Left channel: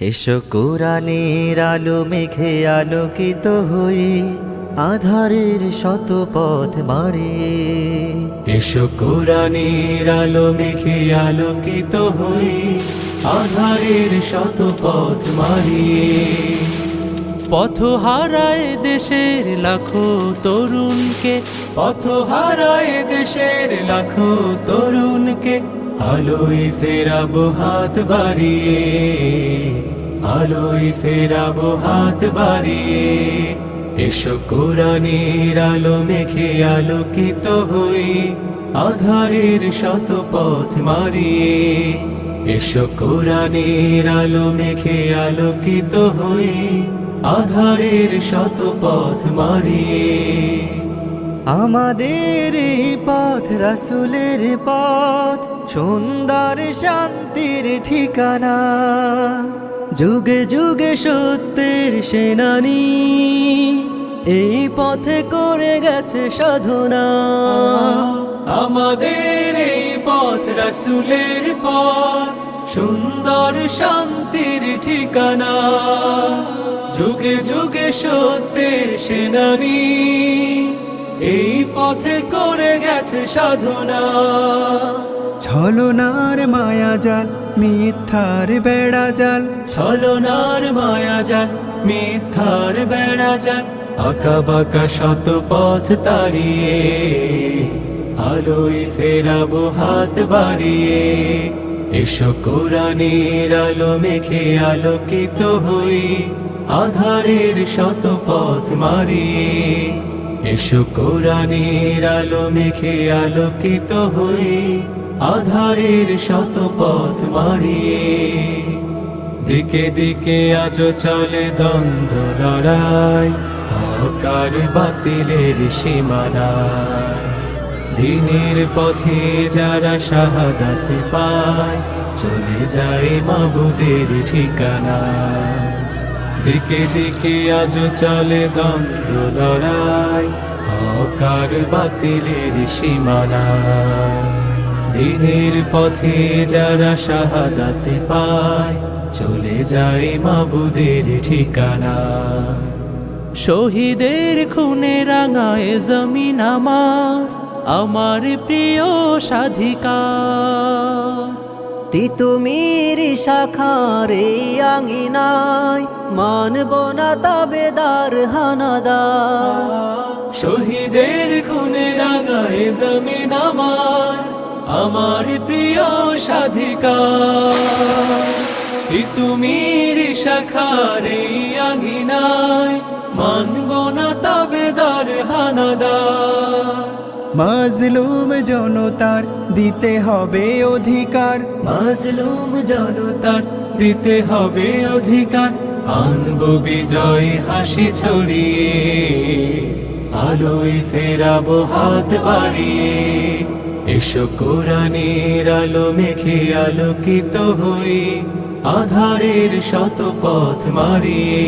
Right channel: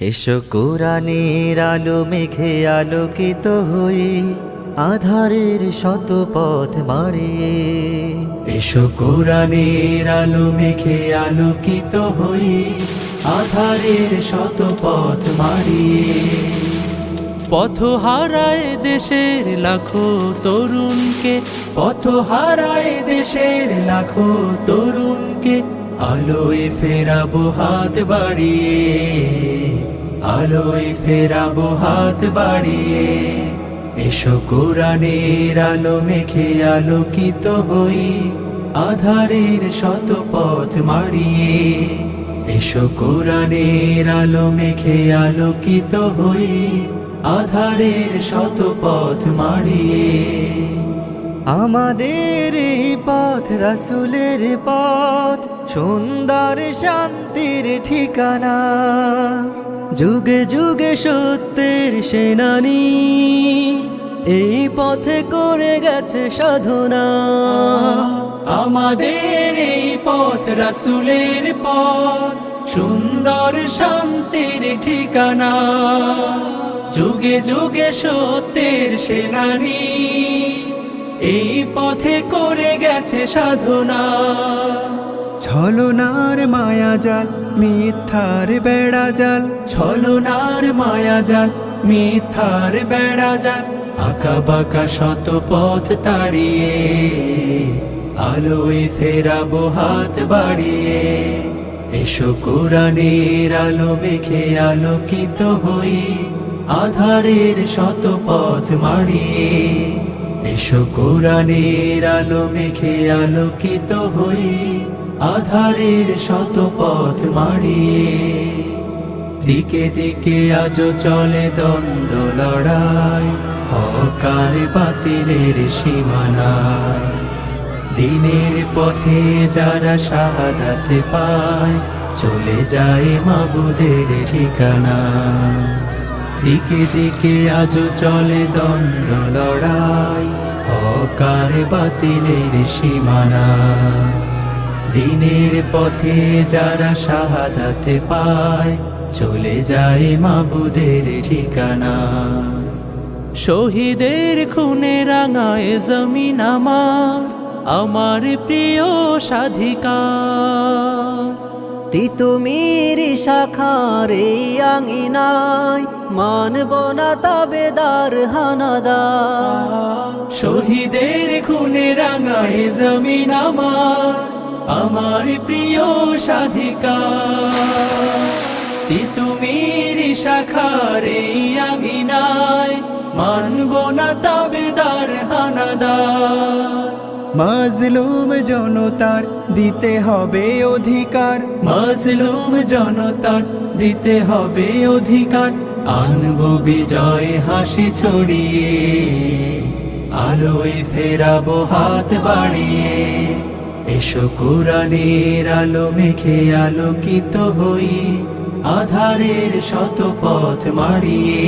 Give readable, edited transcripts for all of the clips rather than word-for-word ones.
এসো কোরআনের আলো মেঘে আলোকিত হই, আধারের শত পথ মারিয়ে। এসো কোরআনের আলো মেঘে আলোকিত হই, আধারের শত পথ মারিয়ে। পথ হারায় দেশের লাখো তরুণকে, পথ হারায় দেশের লাখো তরুণকে, আলোয় ফেরাবো হাত বাড়িয়ে, আলোয় ফেরাবো হাত বাড়িয়ে। এসো কোরআনের আলো মেঘে আলোকিত হই, আধারের শত পথ মারিয়ে। এসো কোরআনের আলো মেঘে আলোকিত হই, আধারের শত পথ মারিয়ে। আমাদের এই পথ রাসূলের পথ, সুন্দর শান্তির ঠিকানা। যুগে যুগে সত্যের সেনানী, এই পথে করে গেছে সাধনা। আমাদের এই পথ রাসূলের পথ, সুন্দর শান্তির ঠিকানা। যুগে যুগে সত্যের সেনানী, এই পথে করে গেছে সাধনা। ছলনার মায়াজাল মিথ্যার বেড়াজাল, ছলনার মায়াজাল মিথ্যার বেড়াজাল, আঁকা বাঁকা শত পথ তাড়িয়ে, আলোয় ফেরাবো হাত বাড়িয়ে। এসো কোরআনের আলো মেঘে আলোকিত হই, আধারের শত পথ মারিয়ে। এসো কোরআনের আলো মেঘে আলোকিত হই, আধারের শত পথ মারিয়ে। দিকে দিকে আজ চলে দ্বন্দ্ব লড়াই, হক আর বাতিলের সীমানায়। দিনের পথে যারা শাহাদাত পায়, চলে যায় মাবুদের ঠিকানা। দিকে দিকে আজ চলে দ্বন্দ্ব লড়াই, হক আর বাতিলের সীমানায়। দিনের পথে যারা শাহাদাত পায়, চলে যায় মাবুদের ঠিকানা। শহীদের খুনে রাঙায় জমিন আমার, আমার প্রিয় স্বাধিকার। তিতুমির শাখার এই আঙিনায়, মানব না তাবেদার হানাদার। শহীদের খুনে রাঙায় জমিন আমার, আমার প্রিয় স্বাধিকার। তিতুমির শাখার এই আঙিনায়, মানব না তাবেদার হানাদার। মাজলুম জনতার দিতে হবে অধিকার, মাজলুম জনতার দিতে হবে অধিকার। আনবো বিজয় হাসি ছড়িয়ে, আলোয় ফেরাবো হাত বাড়িয়ে। এসো কোরআনের আলো মেঘে আলোকিত হই, আধারের শত পথ মারিয়ে।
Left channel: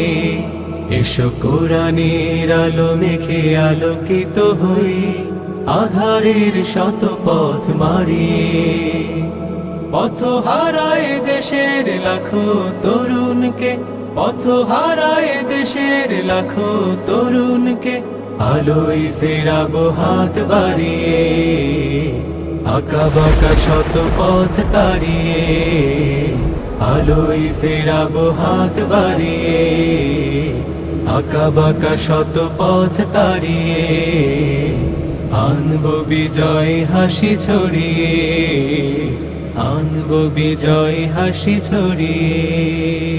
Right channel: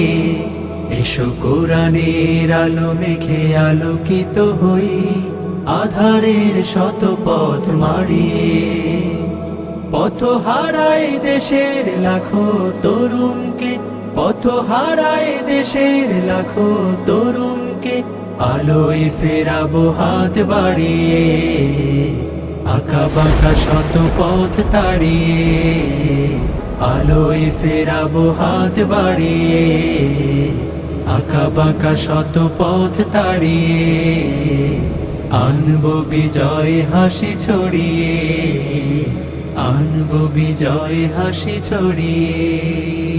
এসো কোরআনের আলো মেঘে আলোকিত হই, আধারের শত পথ মারিয়ে। পথ হারায় দেশের লাখো তরুণকে, পথ হারায় দেশের লাখো তরুণকে, আলোয় ফেরাবো হাত বাড়িয়ে। আঁকা বাঁকা শত পথ তাড়িয়ে, আলোয় ফেরাবো হাত বাড়িয়ে। আঁকা বাঁকা শত পথ তাড়িয়ে, আনবো বিজয় হাসি ছড়িয়ে, আনবো বিজয় হাসি ছড়িয়ে।